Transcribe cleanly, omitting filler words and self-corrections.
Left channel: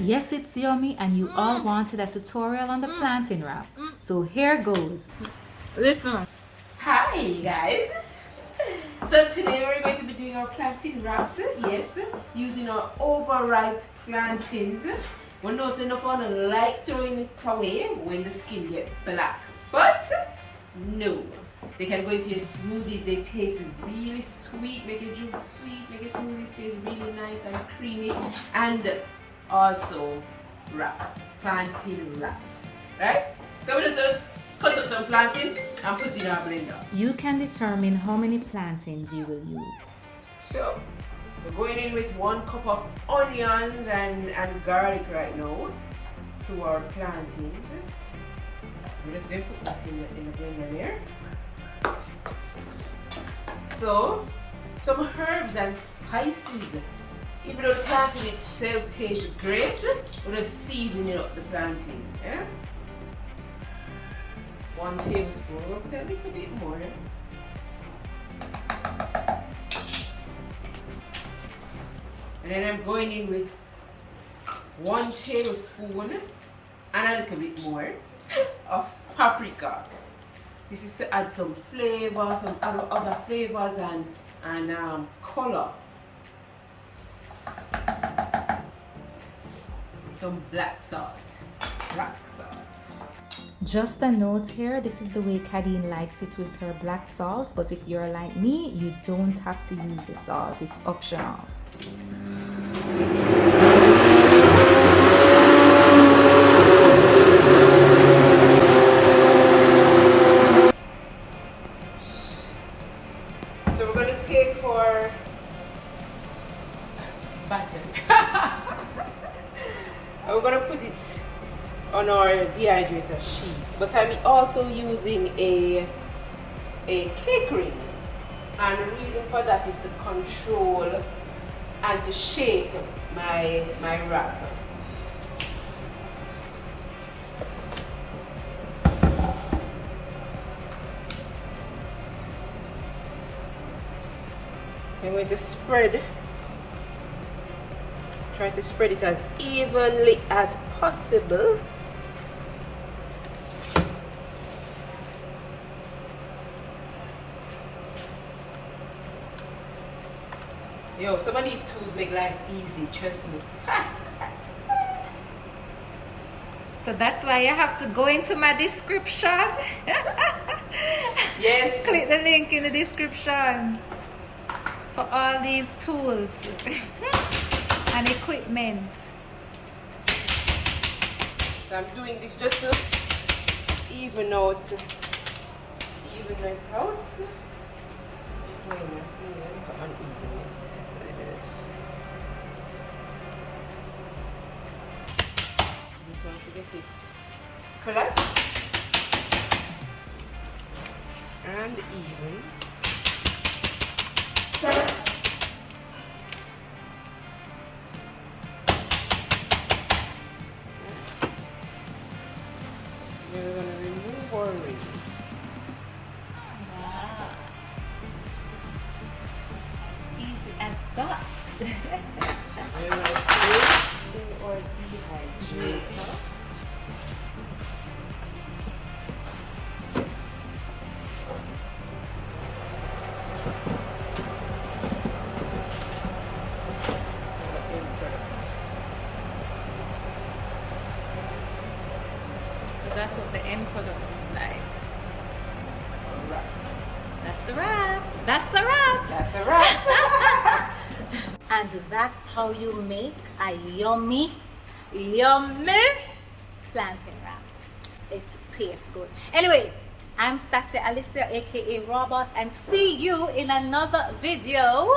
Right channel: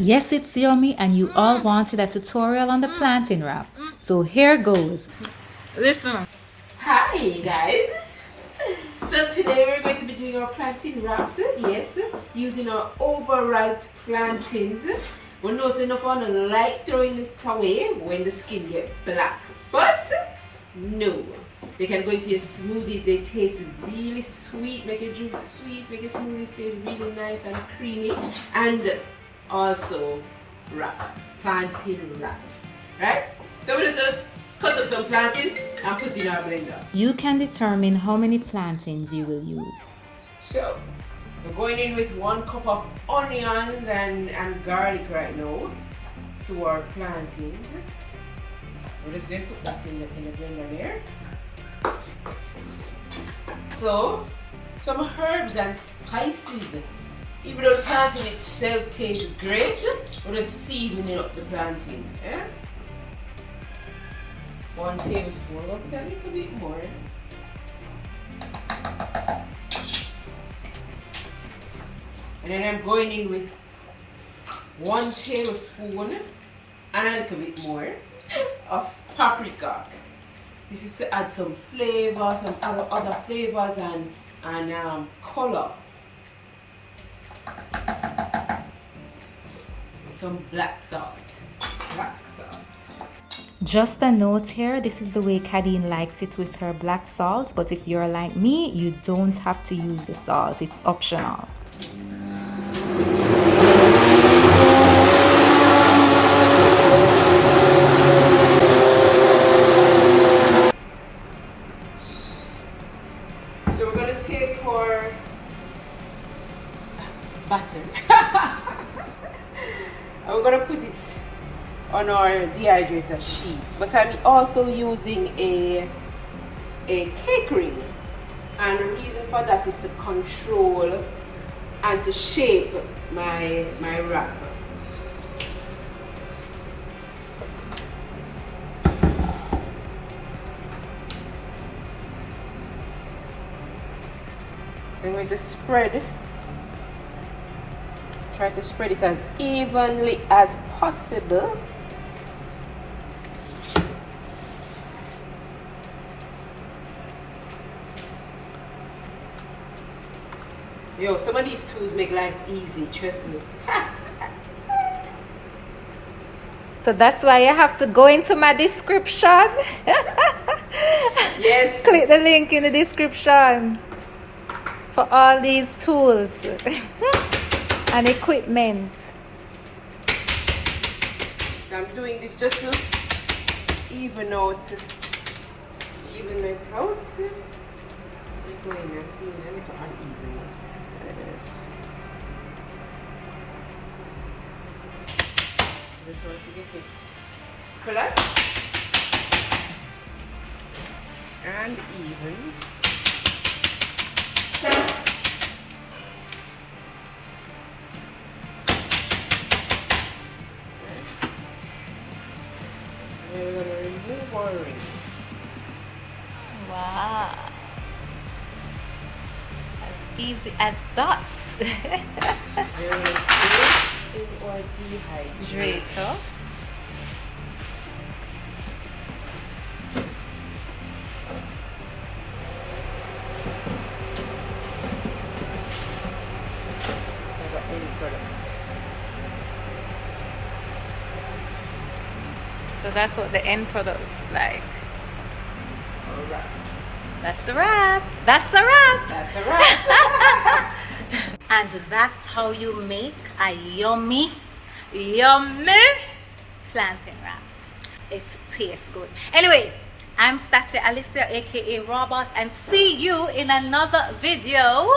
Yes, it's yummy, and you all wanted a tutorial on the plantain wrap. So here goes. Listen. Hi guys. So today we're going to be doing our plantain wraps. Yes, using our overripe plantains. We know it's enough on like throwing it away when the skin get black, but no, they can go into your smoothies. They taste really sweet, make your juice sweet, make your smoothies taste really nice and creamy, and also wraps, plantain wraps, right? So we're just cut up some plantains and put in our blender. You can determine how many plantains you will use. So we're going in with 1 cup of onions and garlic right now to our plantains. We're just going to put that in the blender there. So some herbs and spices. Even though the plantain itself tastes great, we're just seasoning up the plantain. Yeah? 1 tablespoon. We'll put a little bit more. And then I'm going in with 1 tablespoon and a little bit more of paprika. This is to add some flavor, some other flavors and color. Some black salt. Just a note here, this is the way Kadeen likes it with her black salt, but if you're like me, you don't have to use the salt, it's optional. So we're going to take our batter and we're going to put it on our dehydrator sheet, but I'm also using a cake ring, and the reason for that is to control and to shape my wrap. I'm going to try to spread it as evenly as possible. Yo, some of these tools make life easy, trust me. So that's why you have to go into my description. Yes. Click the link in the description for all these tools and equipment. So I'm doing this just to even it out. Going and seeing a little unevenness. Just want to get it flat and even. Then we're going to remove our ring. Wow. As easy as dots. We're going to place in our dehydrator. So that's what the end product looks like. Alright. That's the wrap. That's the wrap. That's a wrap. And that's how you make a yummy plantain wrap. It tastes good. Anyway, I'm Stacia, Alicia, aka Raw Boss, and see you in another video.